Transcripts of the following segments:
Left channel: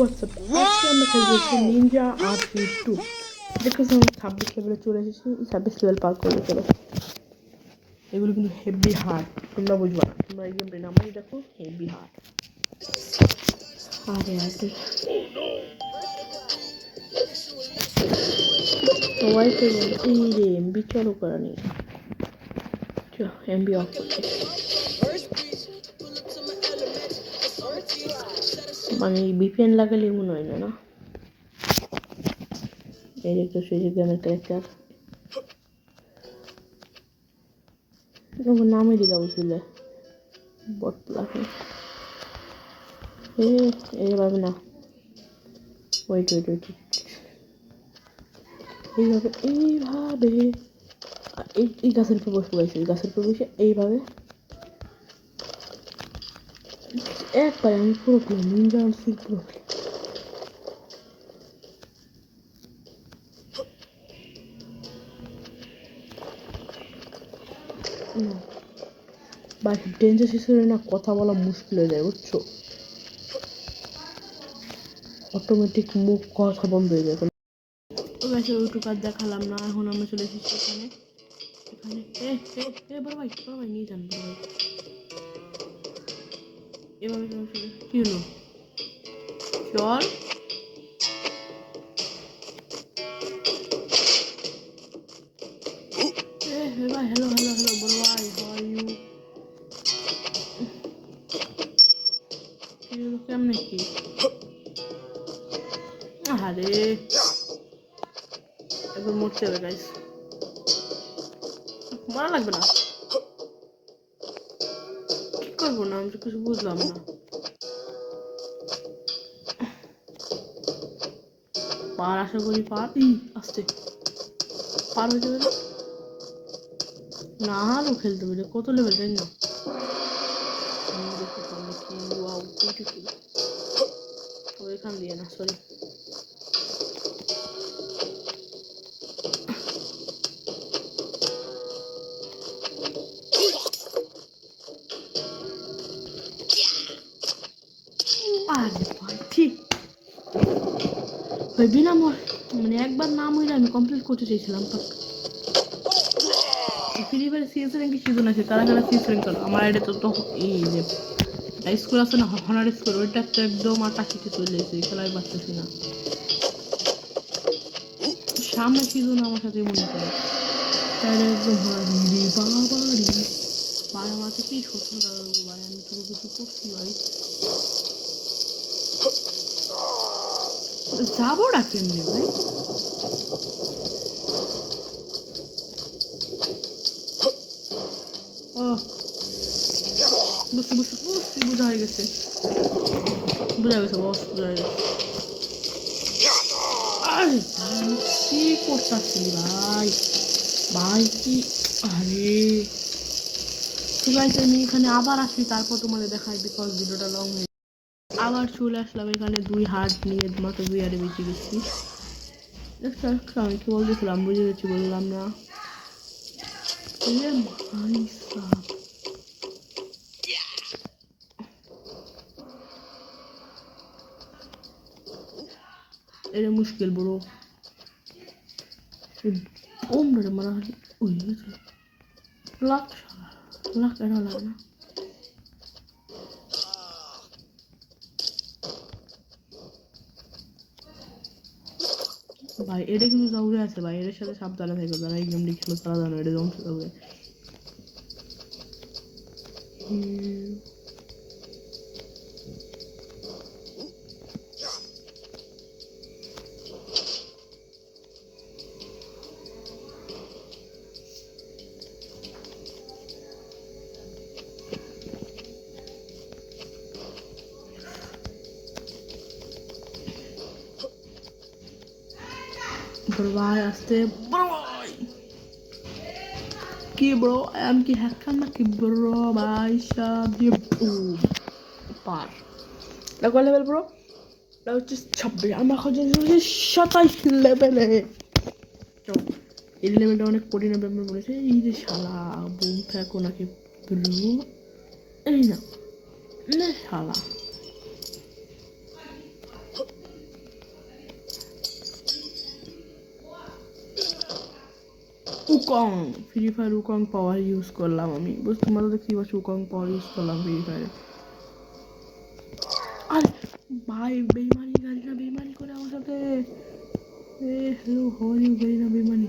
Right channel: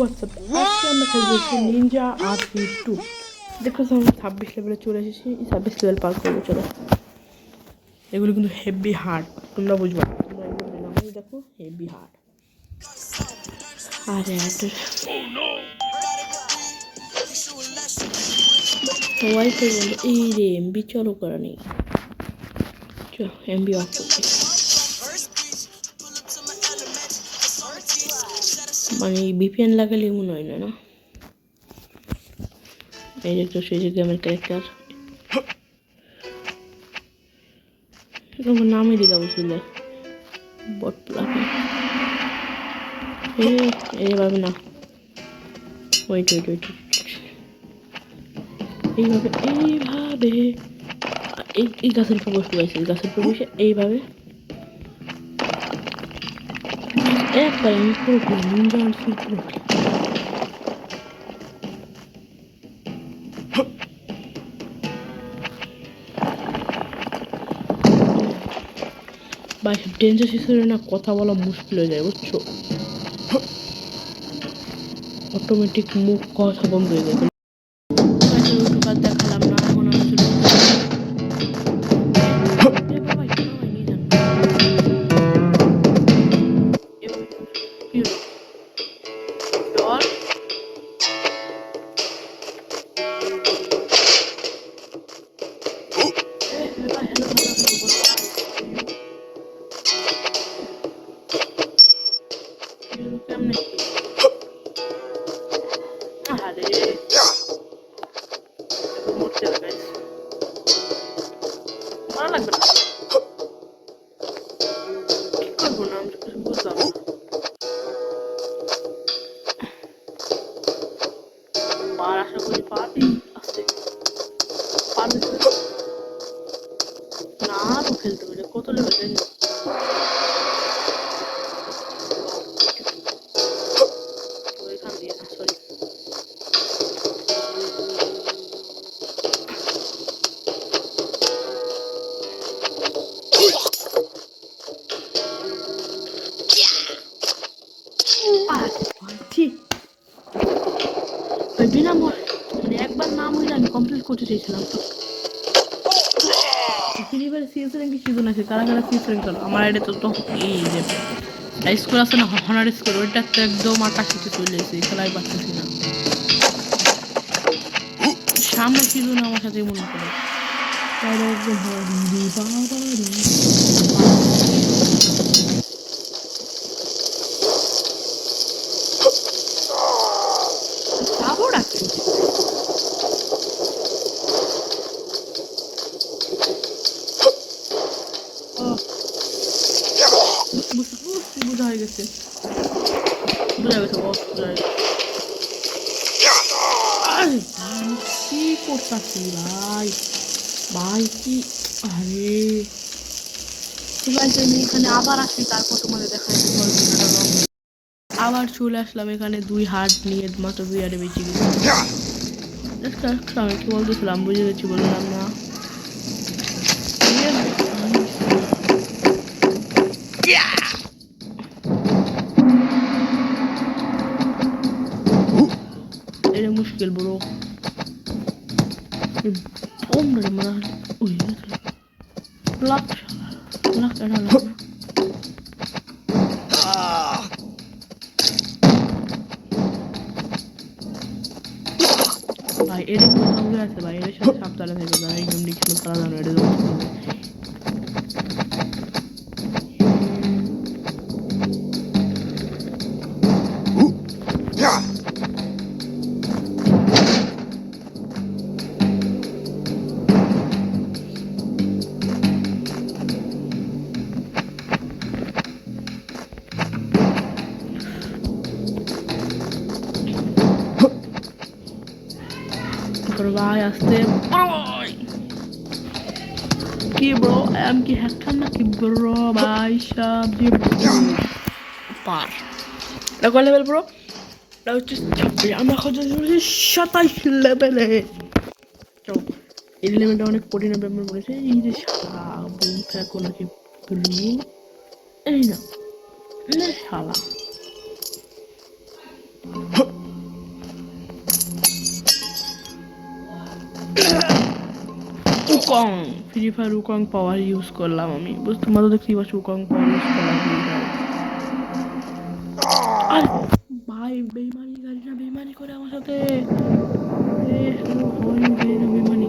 WhatsApp আজকে আমরা খেলতেছি নিনজা R32 দেখতেছি আমরা 26 লেভেলে চলে এসেছি 26 লেভেল পার করবো চলো এগুলো কিন্তু হেভি হার্ড তোমরা বুঝবা তোমরা একদম নামাই দেখো হেভি হার্ড আরে ওয়াইফাই বলে এই রে এমবি চালু করা নেই চলো এমবি অফ করছি মানে ভিপিএন লাগালে এমন হয় না না এই যে একটা সেই গেমের ক্যারেক্টার নামই দিলা বুঝলে বট প্লাগে এইভাবে না ওয়েট এইভাবে এই গাছের উপর বসতে পারছি গাছের উপর বসে এইভাবে একবারে আমি পুরো নিনজা আনছি পুরো বা ডেঞ্জার হিসেবে না কথা বলা মুশকিল হয়ে যায় বুঝছো অটোমেটিক মুখ কথা বন্ধ হয়ে যায় কাজ দেখালাম না এখন আমি চলে কি হলো চল hello বলো কেমনে কি আরে এবার মরতে হবে গাইস মারা লাগবে না কি করবো না আমি তো কিছু বুঝলাম না পার আশা করি পার আসতে পারবে তো না আরও খেলতে হবে কত লেভেল জানি না ওইখান দিয়ে না সরি বিনা মানে একবার নাম হইলে আমি কমপ্লিট করতে চাইছিলাম তো ফ্রিবার সিএস র্যাঙ্কে সিজন আছে কারা কারা সিএস র্যাঙ্ক করো আমার আইডি তো এই যে স্কোর আছে না হনার স্কোর ওইটা তো একদম আকাশিতে চলে এসেছে খেলায় পারতেছি না সামনে সিজন আমার সাথে মনে করে তাই একদম যাবো ডাকেন বোঝা হয়ে গেছে বস বোঝা হয়ে গেছে আরে কি করতেছি ভাই কি আরে তো গাইস আমি এখানে আবার আসি তারপর তোমাদের দেখাচ্ছি ভিডিওটা লং আবার চলে আসলাম এখানে 2 হার্ট নিয়ে মাত্র 2 হার্টে বেঁচে গেছি আমি কি বলতেছিলাম বুঝে গেছি বললাম না এটা মুশকিল বড় ওমরে মারা ওই লাখ এটা লাখ ভাই এটা কিন্তু সঙ্গে আছে ভাই এর সাথে সাবধানে থাকবে যারা এই গেমটি খেলে তারা জানো এটা জমা করবে ভাই আসতে কি ব্রো আমি কি হ্যাকার নাকি ব্রো ভাই সব দিয়ে পার এটা কয় লেভেল ব্রো এটা হচ্ছে 26 আমরা এখন 27 লেভেলে এই লেভেলটা অনেক কঠিন ব্যাপার বলেছে এই যে শালা বুম ফেকো নাকি ব্লু এই না শালা উকং ফ্রি ফায়ার উকং পাওয়ার ইউজ করলাম আমি, তোমরা তো দেখতেই পাচ্ছ উকং পাওয়ার ইউজ করলাম ফ্রি ফায়ার। আর ভাই বেইমানি গাড়ি না, বেইমানি করে আমার সাথে বেইমানি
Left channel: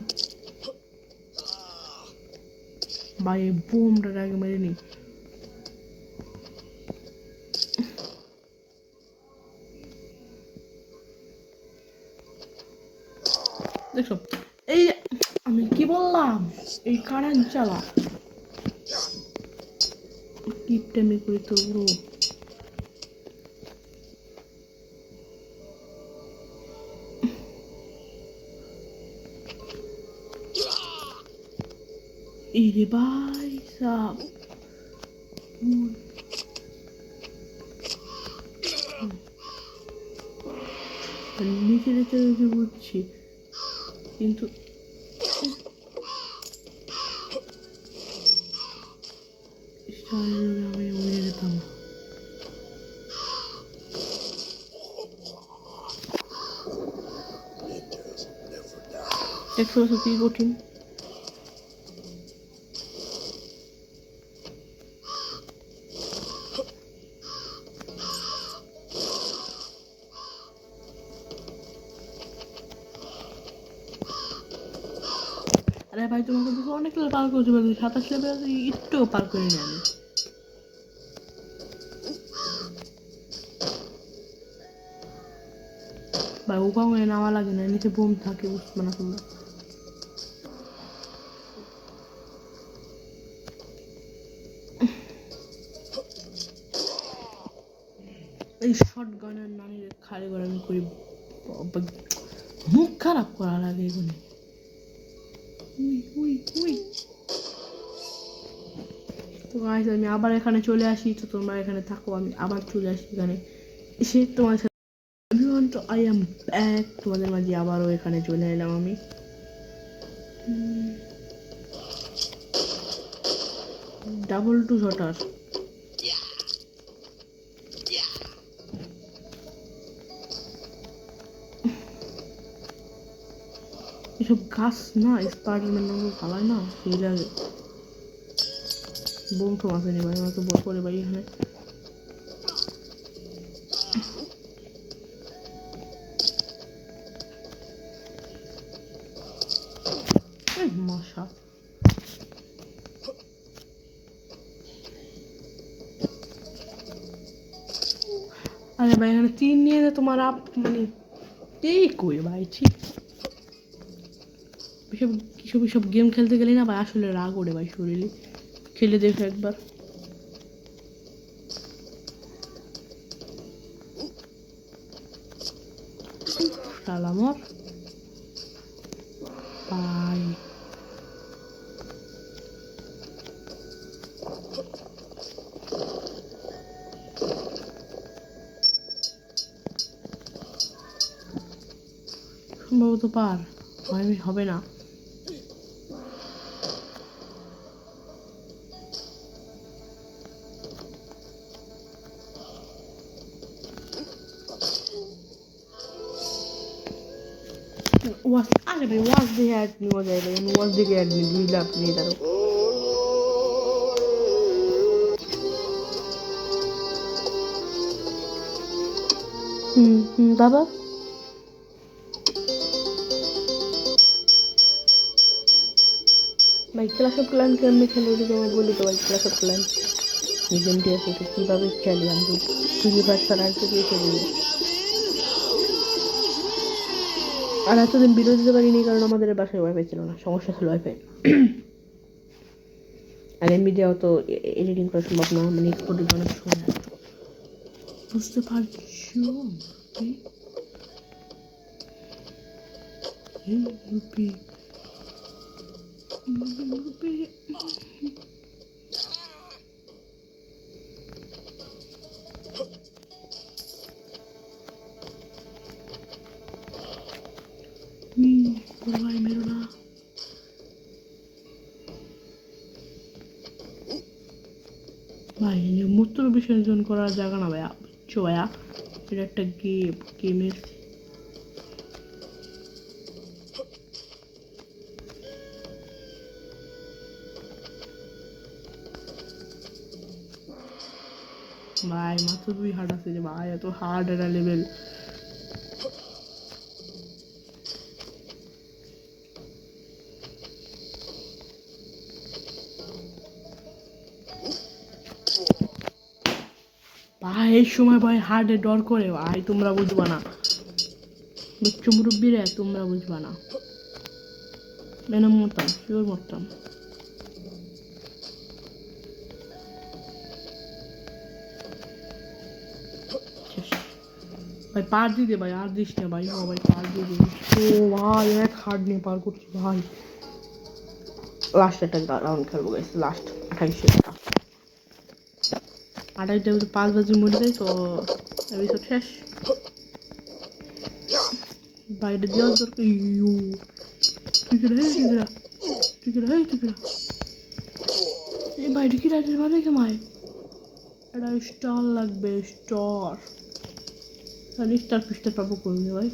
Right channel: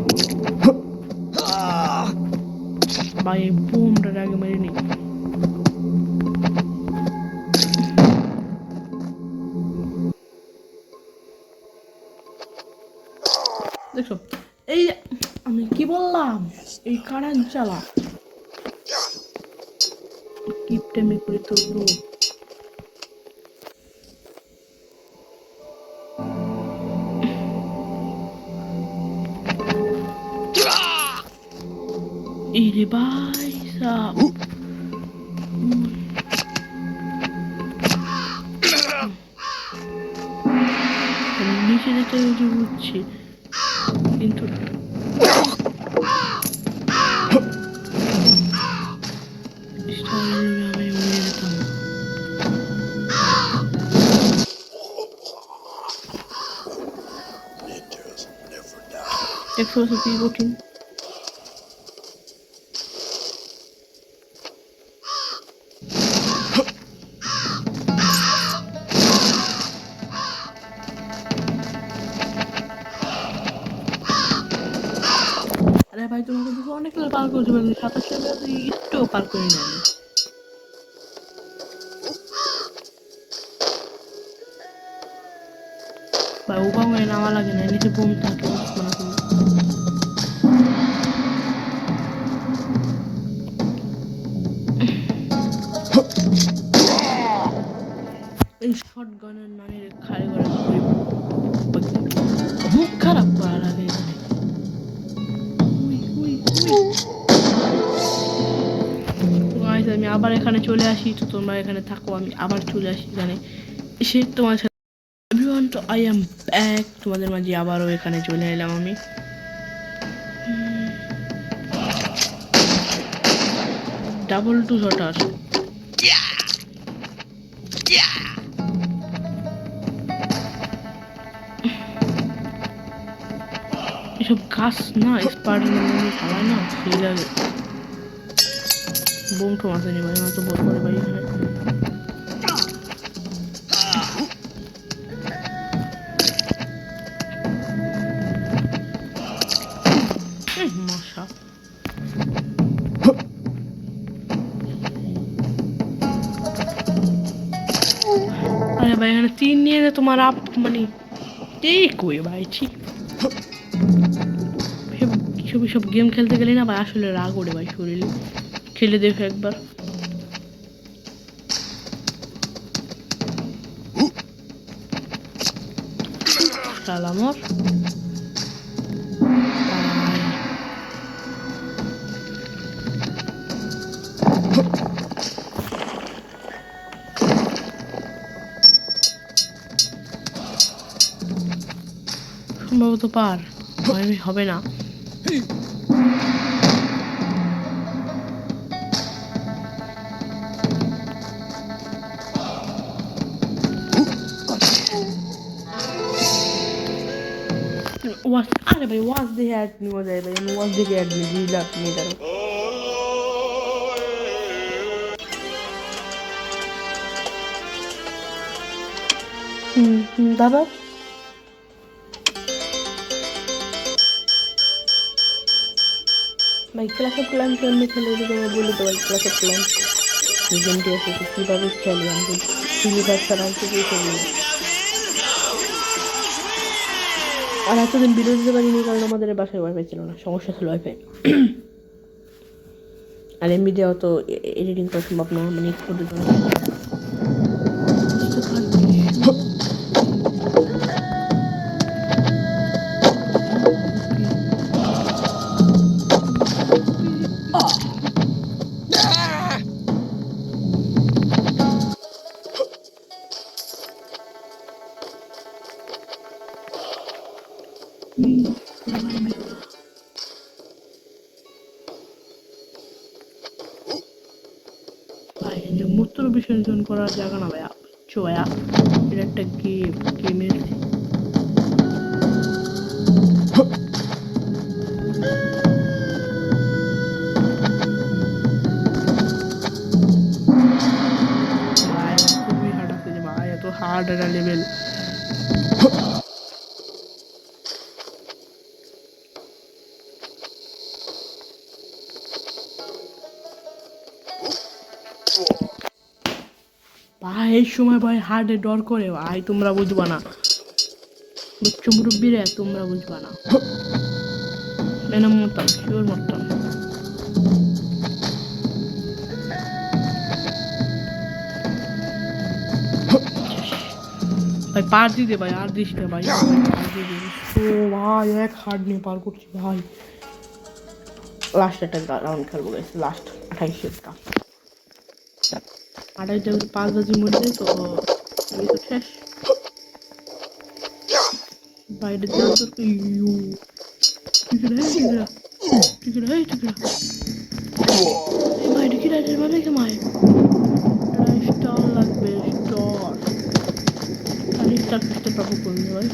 ভাই, বোমটা আগে মেরে নি। দেখো এই আমি কি বললাম, এই কারেন্ট চালা কিপটেমি করে তো পুরো এই রে ভাই সাব। নিচে যেতে বুঝছি কিন্তু আমি উড়ে যেতাম। দেখতে পাচ্ছ কি কঠিন। আরে ভাই তোমাকে তো অনেক লেভেল পার করতে পারবে, 27 লেভেল একটুও পার করি না আমি। ভাই উপাং হয়ে নামা লাগে না, নিচে বোম থাকে মানে তুমি এই শর্ট গানের নানির খাড়ি করে মুখ খারাপ করা লাগে এখানে। আমি আবার এখানে চলে আসি, তো তোমরা এখানে থাকো, আমি আবার চলে আসি এখানে এসে তোমার সাথে। এভরিওয়ান, তো আই এম ব্যাক, তোমাদের মাঝে আবারও এখানে চলে এলাম আমি। ডাবল টু শটার এসব গাছ না স্পাইডারম্যান মুভি চালায় না, সেই লাগে বোম টোম আসেনি ভাই, আমার তো বল করে ভাই এখানে। মশা আরে ভাই এখানে 3 নিয়ে তোমার আপ মানে ঠিক কই ভাই, ঠিক সব গেম খেলতে গেলে না ভাই আসলে রাগ ওঠে ভাই শরীরে। খেলে দেখো একবার। সালামর সম্ভবত পার হবে না। আরে ভাই ওয়াজ দেখে অ্যাড নিয়ে যায় ভাই, আমি ওয়াজ দেখে অ্যাড নিয়ে দিলাম নিয়ে দাঁড়ো। তারপর ভাই ক্লাস অফ ক্লান কেমনি খেলে যদি তোমার বলি তো ভাই, ক্লাস অফ ক্লান এই গেমটি আছে তো কীভাবে খেলি আমি সিলিভার ছাড়া আর কিছুই খেলি না। আর এতদিন ভিডিও দিতে পারিনি কারণ আমাদের বাসায় ওয়াইফাই ছিল না, সমস্যা ছিল ওয়াইফাই। আর এমবি দেওয়া তো এডিটিং করা সম্ভব না, মানে ফটো বুঝতে পারছি। ভাই মূত্র বিসর্জন করার জায়গা না ভাইয়া, বুঝছো ভাইয়া, এটা একটা গেমের এটা লেভেল। ভাই এই সময় ভাই হার্টে ডর করে ভাই, তোমরা বুঝবা না, বুঝছো মুরব্বীরা, তোমরা বুঝবা না। মেনে মরতাম, শিওর মরতাম। ভাই পার দিতে ভাই, আর দিস না ভাই, ভাই পার দিয়ে দিস তো ভাই, এক হার্ট নিয়ে পার করছি ভাই। লাস্ট একটা রাউন্ড খেলবো গাইস, লাস্ট 28টা 5 বাজি মরে যায় তো এপিসোড শেষ। বাইরে যাওয়ার দরকার। ইউ টিকিরা এই বাইরে কি রাইডার মানে কি মায়, এটা স্টার লাগবে, স্টার আমি স্টার খুঁজতে পাবো করলে ভাই।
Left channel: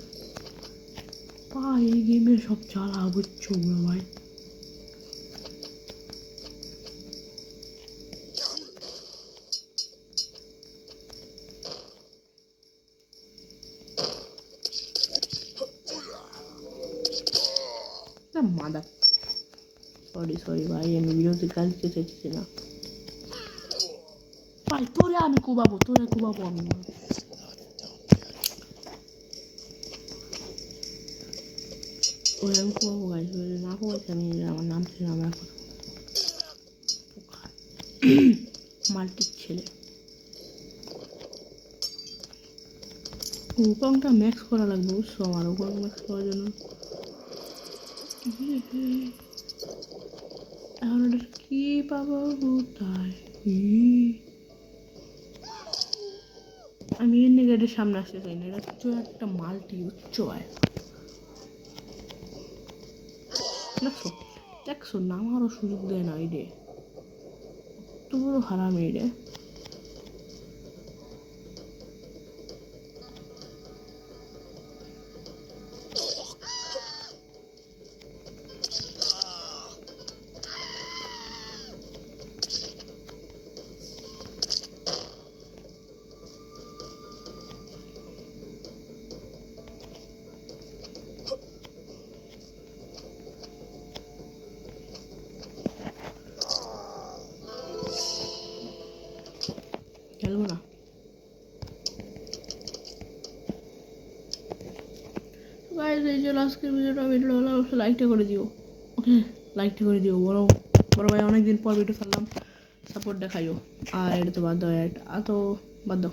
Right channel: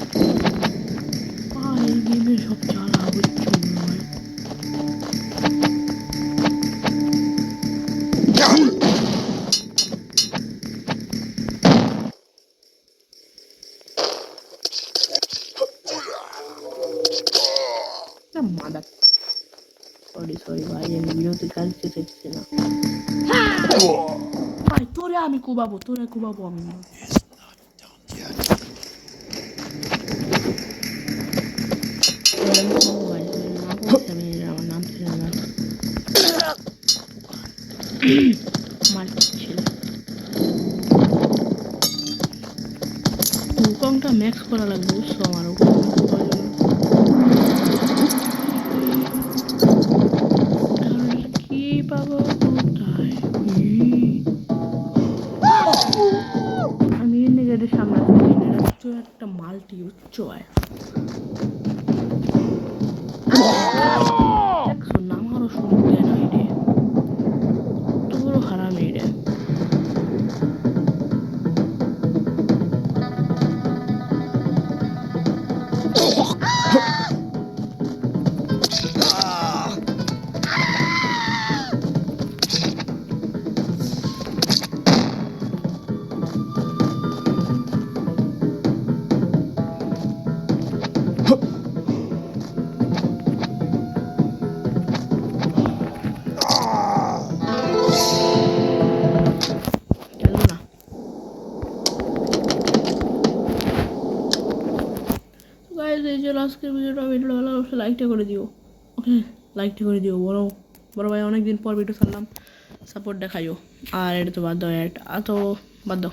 এই গেমের সব চালা বুঝছো ভাই। মাদার সরি ভাই, আমি ভিডিওতে কাজ চাইছি না ভাই। তোরে আমি কুবাবো আমি। আমার নাম ছিল না মাল্টি ছিল। উকংটা ম্যাক্স করা লাগবে বুঝছো, আমার উকং ম্যাক্স করার জন্য। কি পাবো কোথায় আমি এনে গেটের সামনে আসি, এটা হচ্ছে একটা মাল্টি উচ্চ হয়। দেখছো না, আমারও শুনতে নয় রে, তোরও হারামি রে। খেলবো না গাইস, এই যে আজকের ভিডিওটা ভালো অবশ্যই লাইকটা করে দিও। ওকে লাইকটা করে দিও, বড় ভাই অনেকদিন পর ভিডিও ছাড়লাম, সাপোর্ট দেখাইও। আর এটা তো বাদ দাও, তো বাদ দাও।